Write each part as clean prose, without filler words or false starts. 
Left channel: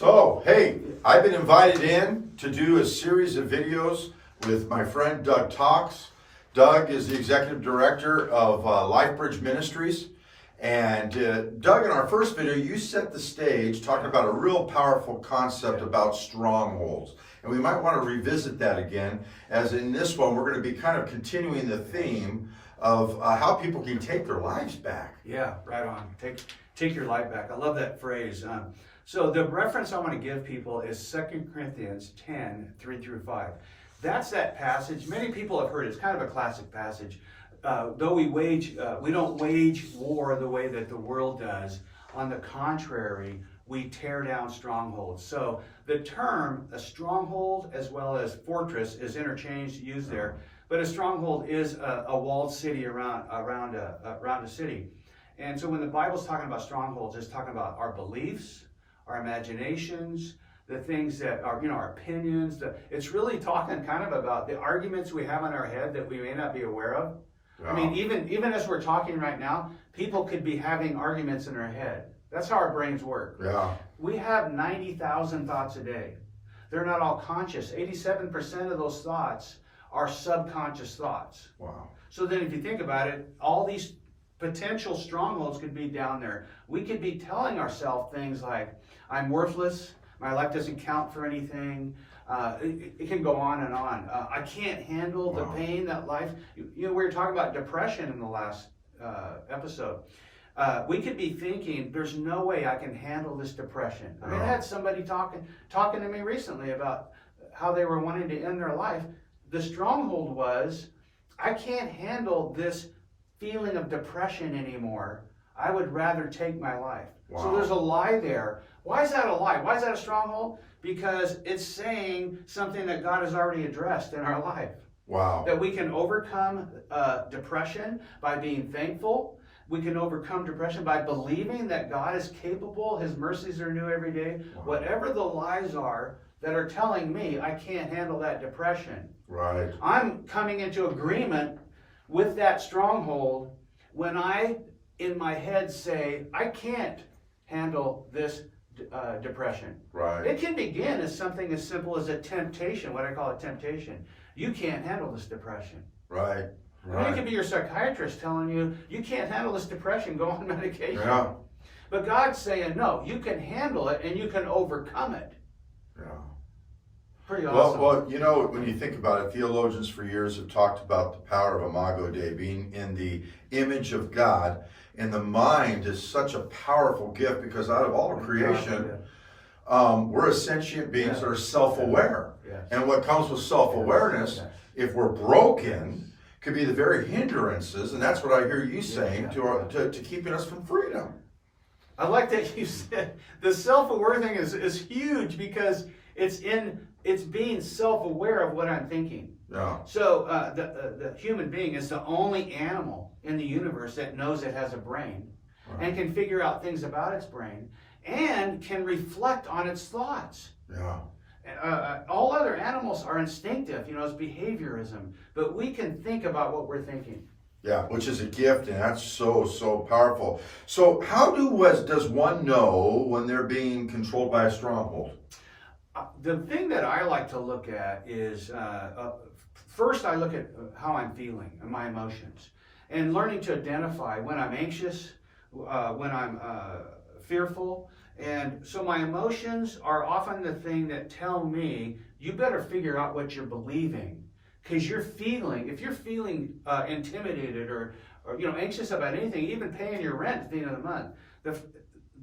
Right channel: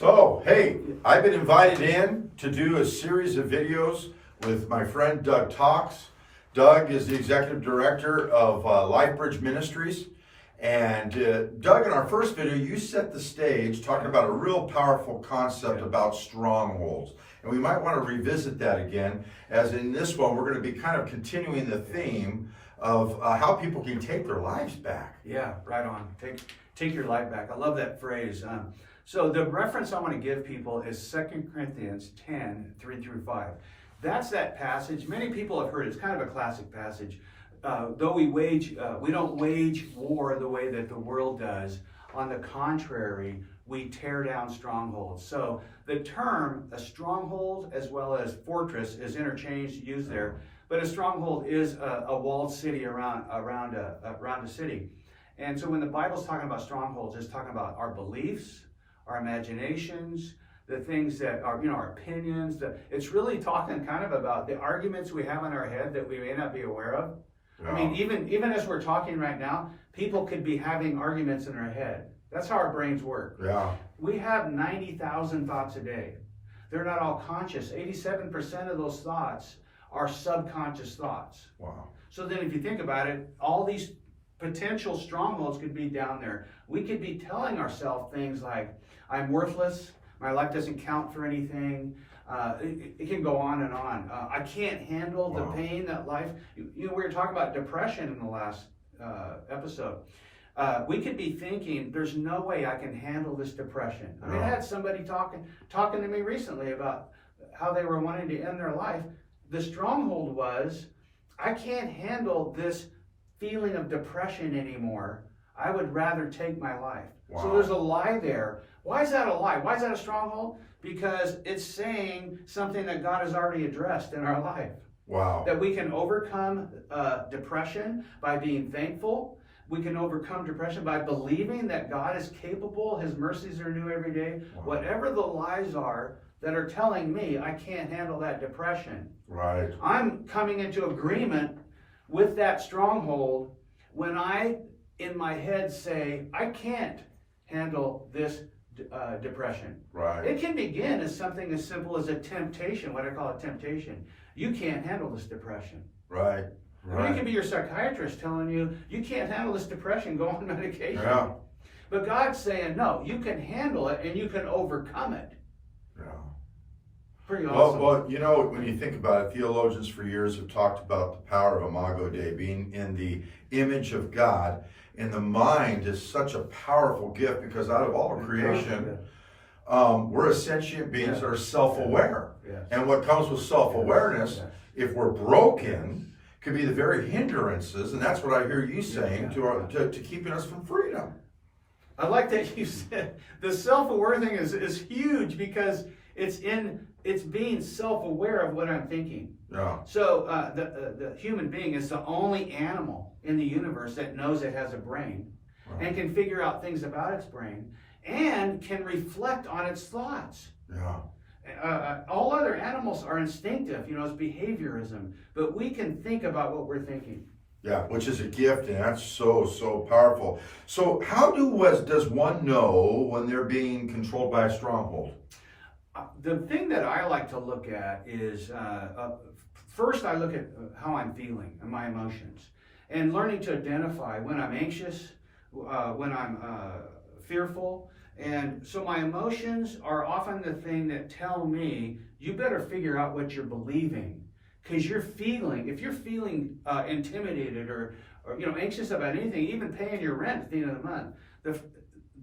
So, hey, I've been invited in to do a series of videos with my friend Doug Tawlks. Doug is the executive director of LifeBridge Ministries. And Doug, in our first video, you set the stage talking about a real powerful concept about strongholds. And we might want to revisit that again, as in this one, we're going to be kind of continuing the theme of how people can take their lives back. Yeah, right on. Take your life back. I love that phrase. So the reference I want to give people is 2 Corinthians 10, 3 through 5. That's that passage. Many people have heard it. It's kind of a classic passage. Though we don't wage war the way that the world does. On the contrary, we tear down strongholds. So the term a stronghold as well as fortress is interchanged, used there. But a stronghold is a walled city around a city. And so when the Bible's talking about strongholds, it's talking about our beliefs, our imaginations, the things that are, our opinions. It's really talking kind of about the arguments we have in our head that we may not be aware of. Yeah. I mean, even as we're talking right now, people could be having arguments in their head. That's how our brains work. Yeah. We have 90,000 thoughts a day. They're not all conscious. 87% of those thoughts are subconscious thoughts. Wow. So then if you think about it, all these potential strongholds could be down there. We could be telling ourselves things like, I'm worthless, my life doesn't count for anything. It can go on and on. I can't handle the pain that life, we were talking about depression in the last episode. We could be thinking, there's no way I can handle this depression. I mean, I had somebody talking to me recently about how they were wanting to end their life. The stronghold was, I can't handle this feeling of depression anymore. I would rather take my life. Wow. So there's a lie there. Why is that a lie? Why is that a stronghold? Because it's saying something that God has already addressed in our life. Wow. That we can overcome depression by being thankful. We can overcome depression by believing that God is capable. His mercies are new every day. Wow. Whatever the lies are that are telling me I can't handle that depression. Right. I'm coming into agreement with that stronghold when I, in my head, say, I can't handle this depression. Right. It can begin as something as simple as a temptation, what I call a temptation. You can't handle this depression. Right. I mean, it could be your psychiatrist telling you, you can't handle this depression, go on medication. Yeah. But God's saying, no, you can handle it and you can overcome it. Yeah. Pretty awesome. Well, when you think about it, theologians for years have talked about the power of Imago Dei, being in the image of God. And the mind is such a powerful gift because out of all of creation, we're a sentient beings that are self-aware. Yes. And what comes with self-awareness, if we're broken, could be the very hindrances, and that's what I hear you saying, to keeping us from freedom. I like that you said the self-aware thing is huge because it's being self-aware of what I'm thinking. Yeah. So the human being is the only animal in the universe that knows it has a brain and can figure out things about its brain and can reflect on its thoughts. Yeah. All other animals are instinctive, it's behaviorism, but we can think about what we're thinking. Yeah, which is a gift, and that's so powerful. So how does one know when they're being controlled by a stronghold? The thing that I like to look at is, first I look at how I'm feeling and my emotions, and learning to identify when I'm anxious, when I'm fearful. And so my emotions are often the thing that tell me, you better figure out what you're believing. Because if you're feeling intimidated or anxious about anything, even paying your rent at the end of the month,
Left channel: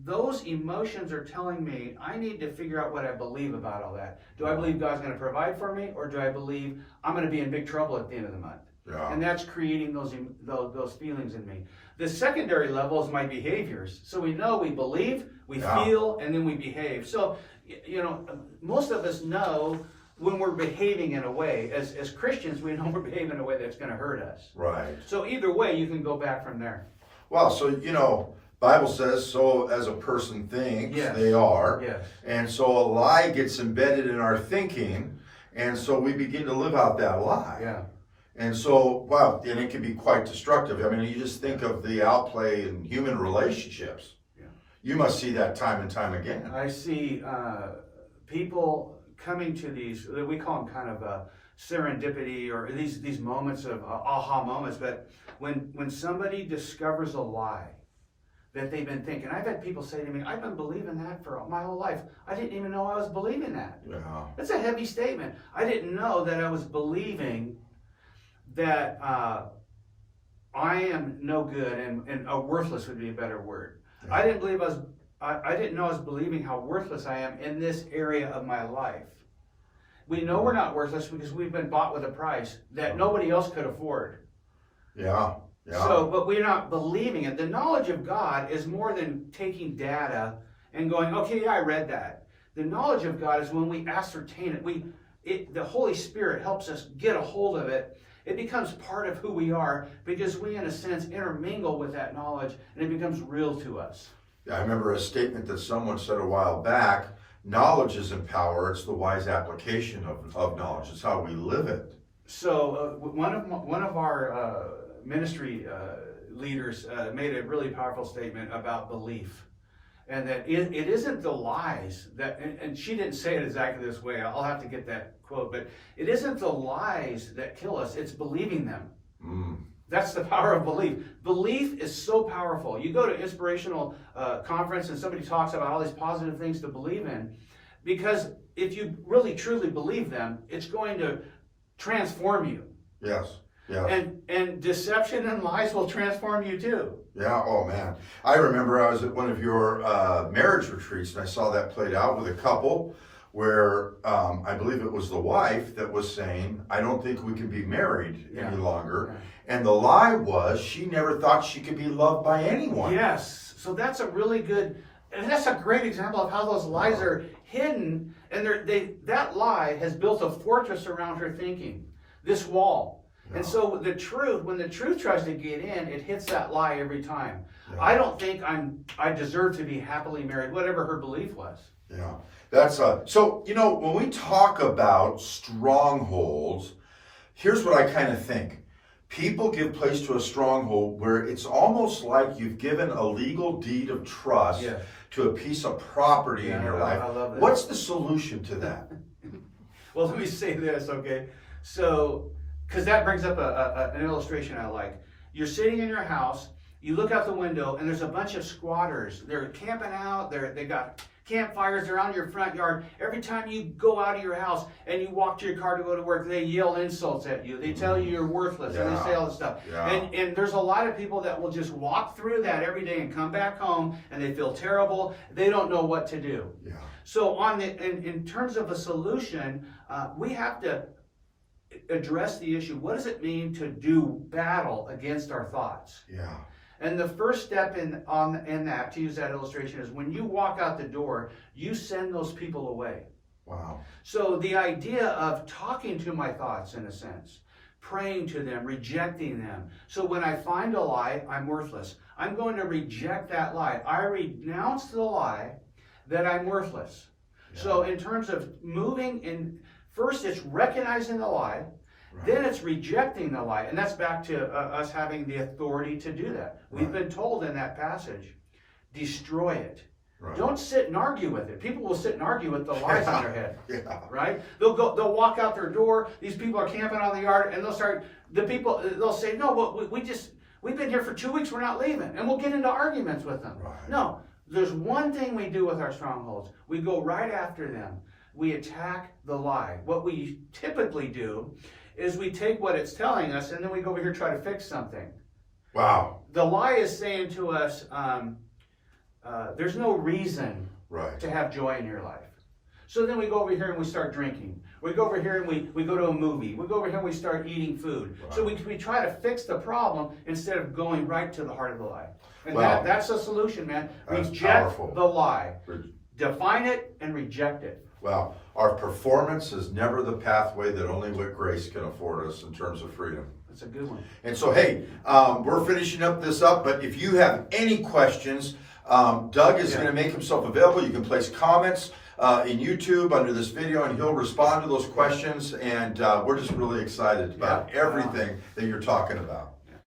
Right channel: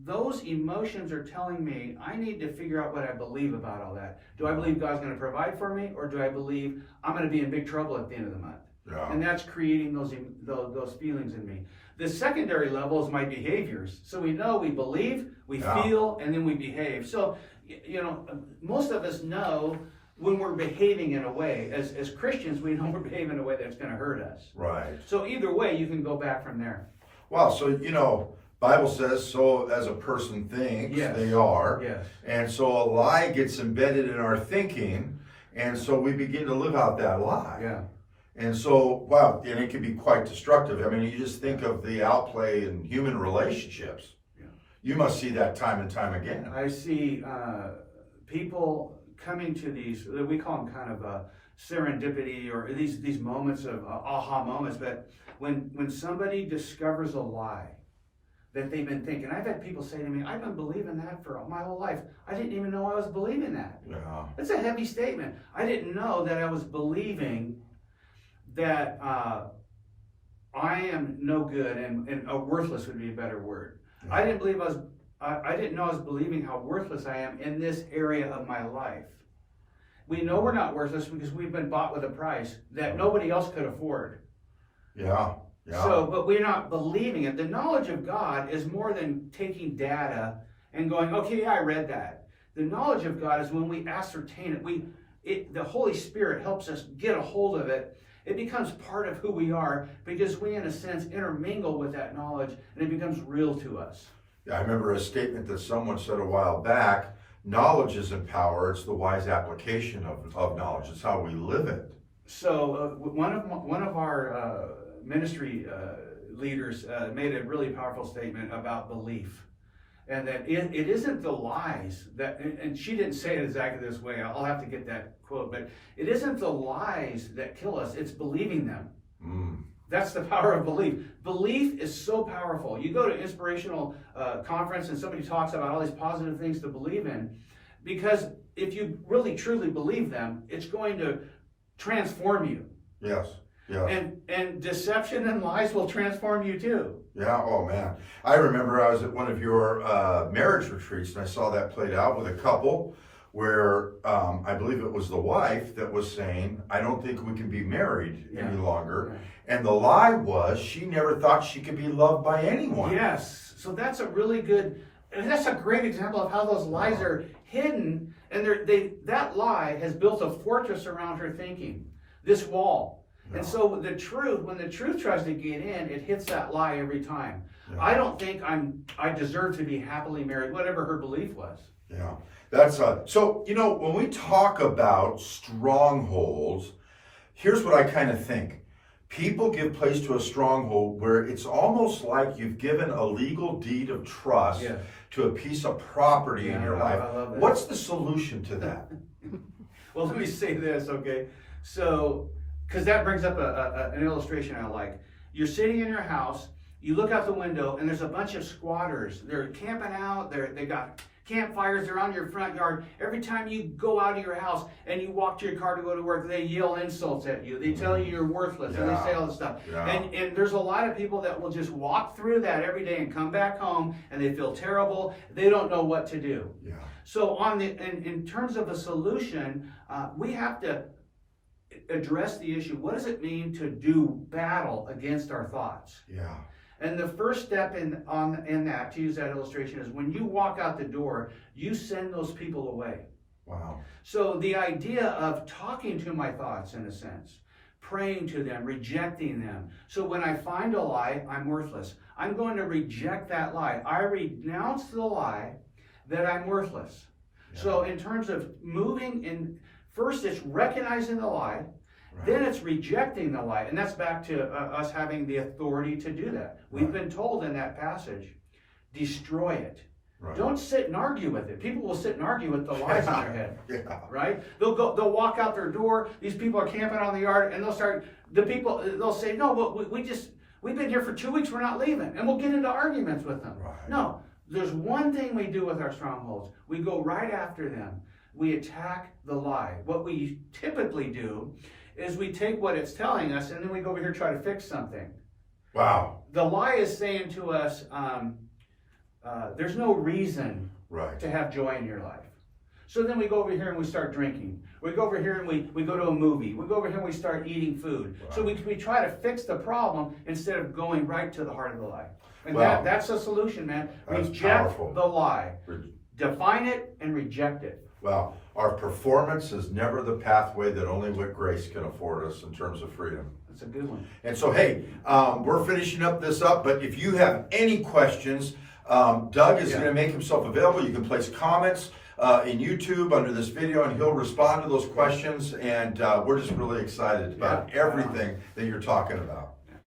those emotions are telling me I need to figure out what I believe about all that. Do I believe God's going to provide for me, or do I believe I'm going to be in big trouble at the end of the month? Yeah. And that's creating those feelings in me. The secondary level is my behaviors. So we know we believe, we feel, and then we behave. So, most of us know when we're behaving in a way, as Christians, we know we're behaving in a way that's going to hurt us. Right. So either way, you can go back from there. Well, so, Bible says, so as a person thinks, they are. Yes. And so a lie gets embedded in our thinking, and so we begin to live out that lie. Yeah. And so, and it can be quite destructive. I mean, you just think of the outplay in human relationships. You must see that time and time again. I see people coming to these, we call them kind of serendipity, or these moments of aha moments. But when somebody discovers a lie that they've been thinking, I've had people say to me, I've been believing that for my whole life. I didn't even know I was believing that. Yeah. That's a heavy statement. I didn't know that I was believing that I am no good, and worthless would be a better word. Yeah. I didn't believe I didn't know I was believing how worthless I am in this area of my life. We know we're not worthless because we've been bought with a price that nobody else could afford. Yeah. Yeah. So, but we're not believing it. The knowledge of God is more than taking data and going, okay, yeah, I read that. The knowledge of God is when we ascertain it. The Holy Spirit helps us get a hold of it. It becomes part of who we are because we, in a sense, intermingle with that knowledge, and it becomes real to us. Yeah, I remember a statement that someone said a while back, knowledge isn't power, it's the wise application of knowledge. It's how we live it. So one of our ministry leaders made a really powerful statement about belief, and that it isn't the lies that, and she didn't say it exactly this way, I'll have to get that quote, but it isn't the lies that kill us, it's believing them. That's the power of belief. Belief is so powerful. You go to inspirational conference and somebody talks about all these positive things to believe in, because if you really truly believe them, it's going to transform you. Yes. Yeah. And deception and lies will transform you too. Yeah. Oh man. I remember I was at one of your marriage retreats and I saw that played out with a couple where I believe it was the wife that was saying, I don't think we can be married any longer. Yeah. And the lie was she never thought she could be loved by anyone. Yes. So that's a really good, and that's a great example of how those lies are hidden. And that lie has built a fortress around her thinking, this wall. And so when the truth tries to get in, it hits that lie every time. Yeah. I don't think I deserve to be happily married, whatever her belief was. Yeah, that's so, you know, when we talk about strongholds, here's what I kind of think. People give place to a stronghold where it's almost like you've given a legal deed of trust to a piece of property in your life. I love that. What's the solution to that? Well, let me say this, okay? So, because that brings up an illustration I like. You're sitting in your house, you look out the window, and there's a bunch of squatters. They're camping out, they got campfires, they're on your front yard. Every time you go out of your house and you walk to your car to go to work, they yell insults at you. They tell you you're worthless, and they say all this stuff. Yeah. And there's a lot of people that will just walk through that every day and come back home, and they feel terrible. They don't know what to do. Yeah. So in terms of a solution, we have to address the issue. What does it mean to do battle against our thoughts? Yeah. And the first step in that, to use that illustration, is when you walk out the door, you send those people away. Wow. So the idea of talking to my thoughts, in a sense, praying to them, rejecting them. So when I find a lie, I'm worthless. I'm going to reject that lie. I renounce the lie that I'm worthless. Yeah. So in terms of moving in, first it's recognizing the lie, then it's rejecting the lie. And that's back to us having the authority to do that. We've been told in that passage, destroy it. Right. Don't sit and argue with it. People will sit and argue with the lies in their head. Yeah. Right? They'll walk out their door. These people are camping on the yard, and they'll say, no, but we've been here for 2 weeks, we're not leaving. And we'll get into arguments with them. Right. No, there's one thing we do with our strongholds. We go right after them. We attack the lie. What we typically do is we take what it's telling us and then we go over here and try to fix something. Wow. The lie is saying to us, there's no reason to have joy in your life. So then we go over here and we start drinking. We go over here and we go to a movie. We go over here and we start eating food. Wow. So we try to fix the problem instead of going right to the heart of the lie. And that's the solution, man. Reject the lie. Define it and reject it. Well, our performance is never the pathway that only with grace can afford us in terms of freedom. That's a good one. And so, hey, we're finishing this up, but if you have any questions, Doug is going to make himself available. You can place comments in YouTube under this video, and he'll respond to those questions. And we're just really excited about everything that you're talking about.